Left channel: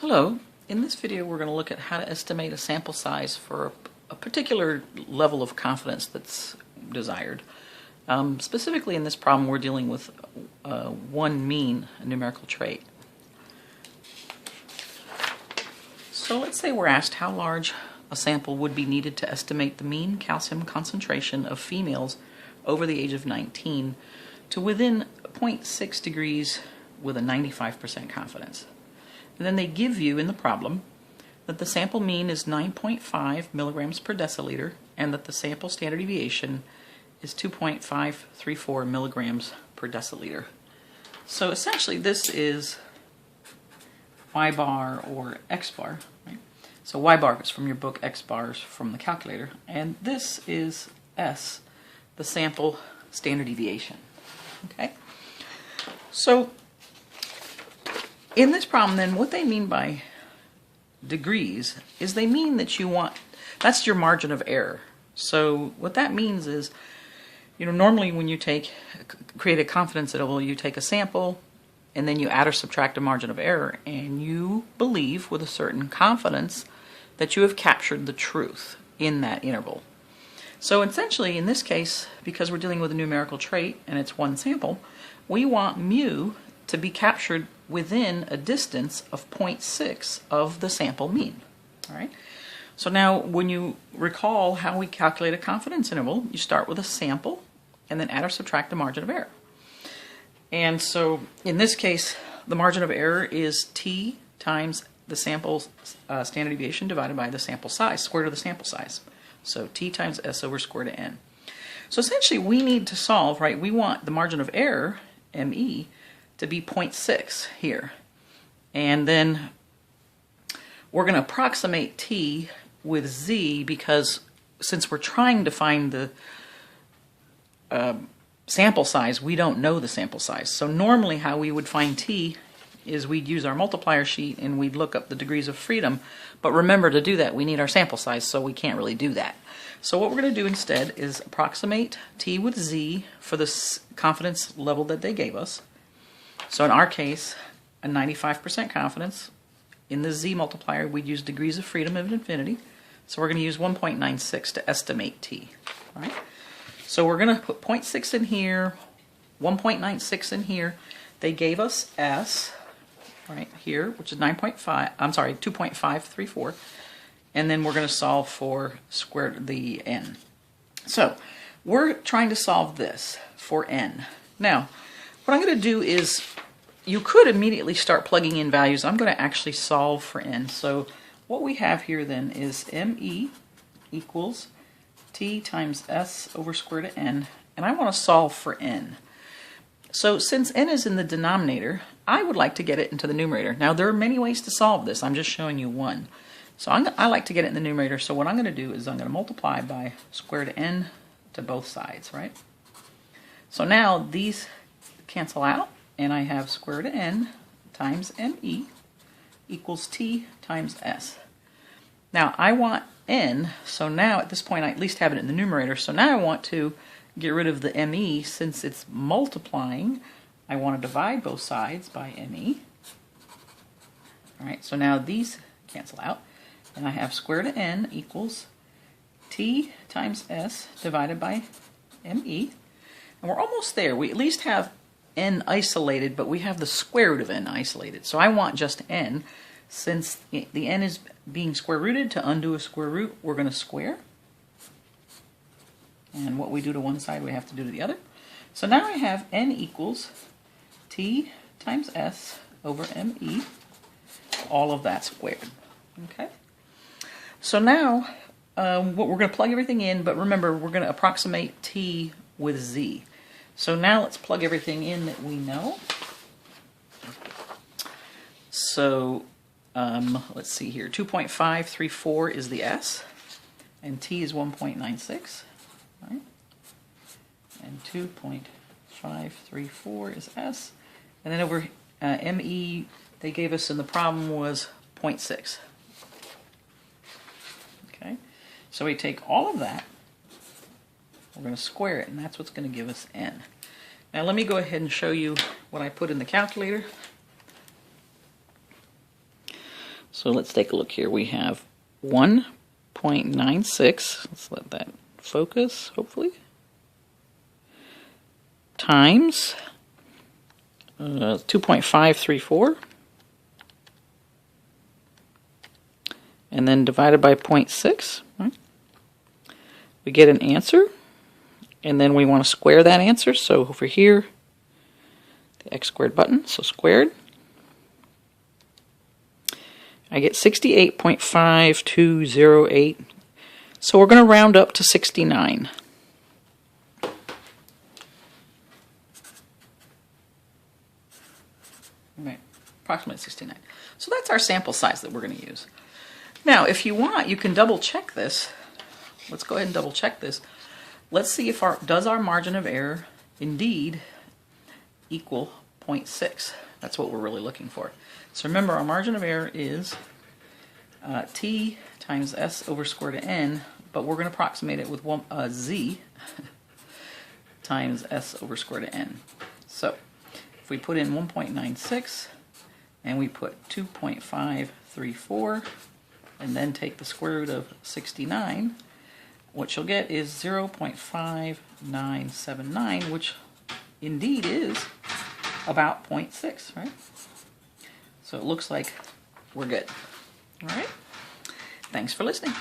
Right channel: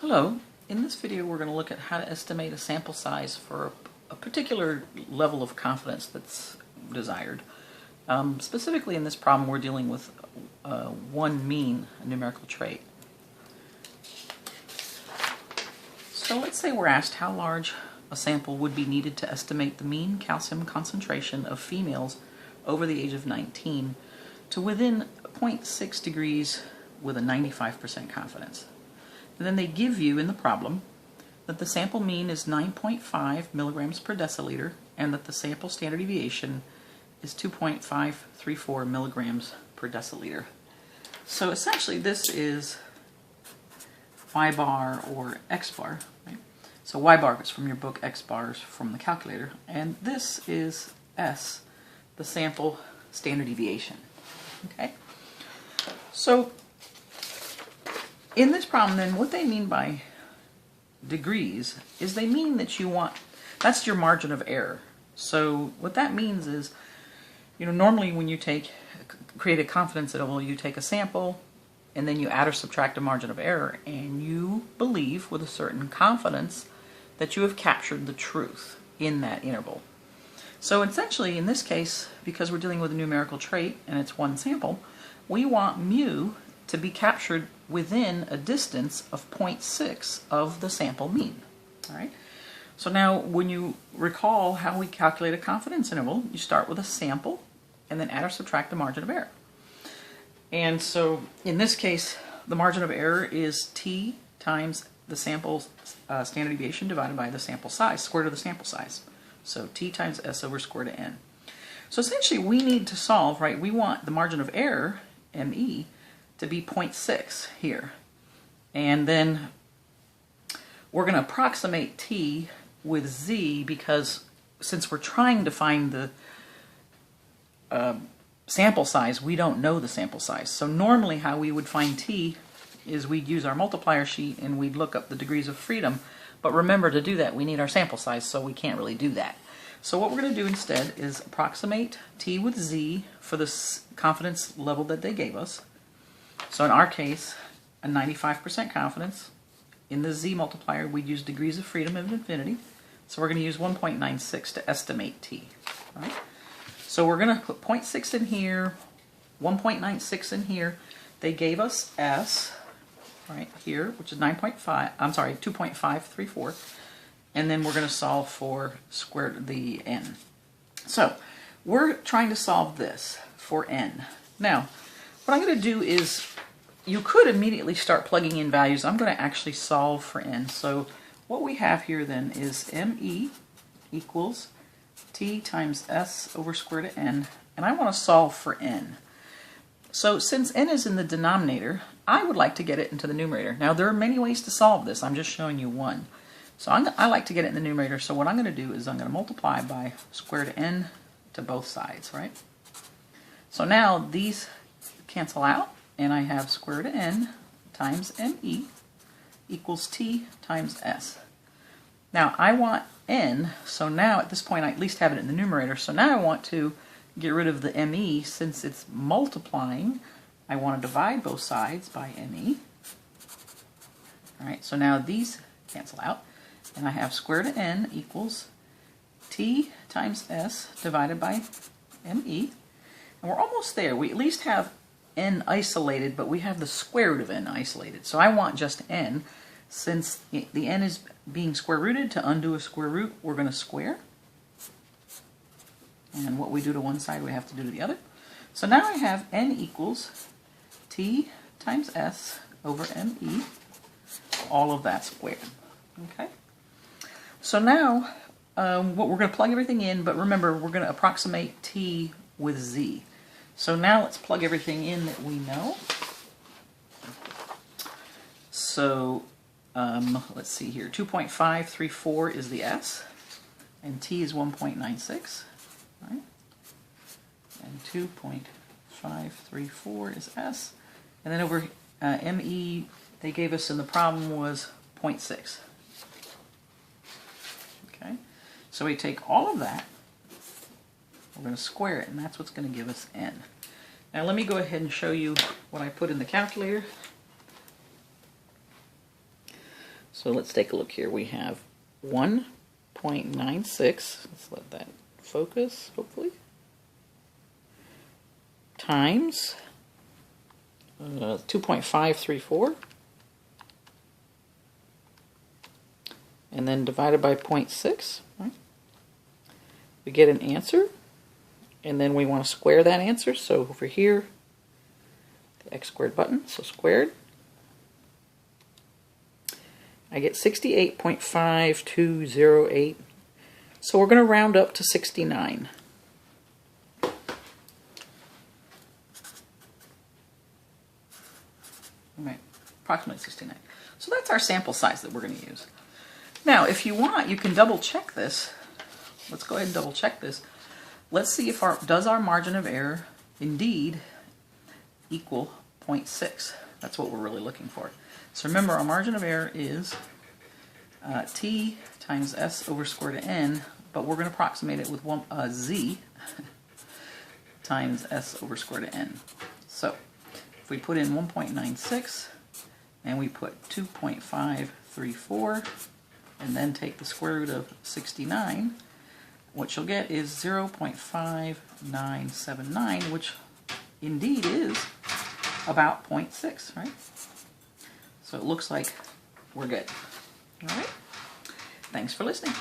Hello. In this video we're going to look at how to estimate a sample size for a particular level of confidence that's desired. Specifically in this problem we're dealing with one mean, a numerical trait. So let's say we're asked how large a sample would be needed to estimate the mean calcium concentration of females over the age of 19 to within 0.6 degrees with a 95% confidence. And then they give you in the problem that the sample mean is 9.5 milligrams per deciliter and that the sample standard deviation is 2.534 milligrams per deciliter. So essentially this is Y bar or X bar, right? So Y bar is from your book, X bars from the calculator, and this is S, the sample standard deviation. Okay? So in this problem then, what they mean by degrees is they mean that that's your margin of error. So what that means is, normally when you create a confidence interval, you take a sample and then you add or subtract a margin of error, and you believe with a certain confidence that you have captured the truth in that interval. So essentially in this case, because we're dealing with a numerical trait and it's one sample, we want mu to be captured within a distance of 0.6 of the sample mean. All right. So now when you recall how we calculate a confidence interval, you start with a sample and then add or subtract the margin of error. And so in this case, the margin of error is t times the sample's standard deviation divided by the sample size, square root of the sample size. So t times s over square root of n. So essentially we need to solve, right, we want the margin of error, me, to be 0.6 here. And then we're going to approximate t with z because since we're trying to find the sample size, we don't know the sample size. So normally how we would find t is we'd use our multiplier sheet and we'd look up the degrees of freedom. But remember, to do that we need our sample size, so we can't really do that. So what we're going to do instead is approximate t with z for this confidence level that they gave us. So in our case, a 95% confidence. In the z multiplier, we'd use degrees of freedom of infinity. So we're going to use 1.96 to estimate t. All right? So we're going to put 0.6 in here, 1.96 in here. They gave us s, right here, which is 2.534. And then we're going to solve for the n. So we're trying to solve this for n. Now, what I'm going to do is, you could immediately start plugging in values. I'm going to actually solve for n. So what we have here then is me equals t times s over square root of n, and I want to solve for n. So since n is in the denominator, I would like to get it into the numerator. Now there are many ways to solve this. I'm just showing you one. So I like to get it in the numerator. So what I'm going to do is I'm going to multiply by square root of n to both sides, right? So now these cancel out, and I have square root of n times me equals t times s. Now I want n, so now at this point I at least have it in the numerator. So now I want to get rid of the me. Since it's multiplying, I want to divide both sides by me. All right, so now these cancel out, and I have square root of n equals t times s divided by me. And we're almost there. We at least have n isolated, but we have the square root of n isolated. So I want just n. Since the n is being square rooted, to undo a square root, we're going to square. And what we do to one side, we have to do to the other. So now I have n equals t times s over me, all of that squared. Okay. So now we're going to plug everything in, but remember, we're going to approximate t with z. So now let's plug everything in that we know. So let's see here. 2.534 is the s, and t is 1.96. Right? And 2.534 is s. And then over me, they gave us in the problem was 0.6. Okay? So we take all of that, we're going to square it, and that's what's going to give us n. Now let me go ahead and show you what I put in the calculator. So let's take a look here. We have 1.96, let's let that focus, hopefully, times 2.534, and then divided by 0.6, right? We get an answer, and then we want to square that answer. So over here, the x squared button, so squared, I get 68.5208. So we're going to round up to 69. Right, approximately 69. So that's our sample size that we're going to use. Now, if you want, you can double check this. Let's go ahead and double check this. Let's see if does our margin of error indeed equal 0.6. That's what we're really looking for. So remember, our margin of error is t times s over square root of n, but we're going to approximate it with z times s over square root of n. So if we put in 1.96 and we put 2.534 and then take the square root of 69, what you'll get is 0.5979, which indeed is about 0.6, right? So it looks like we're good. All right. Thanks for listening.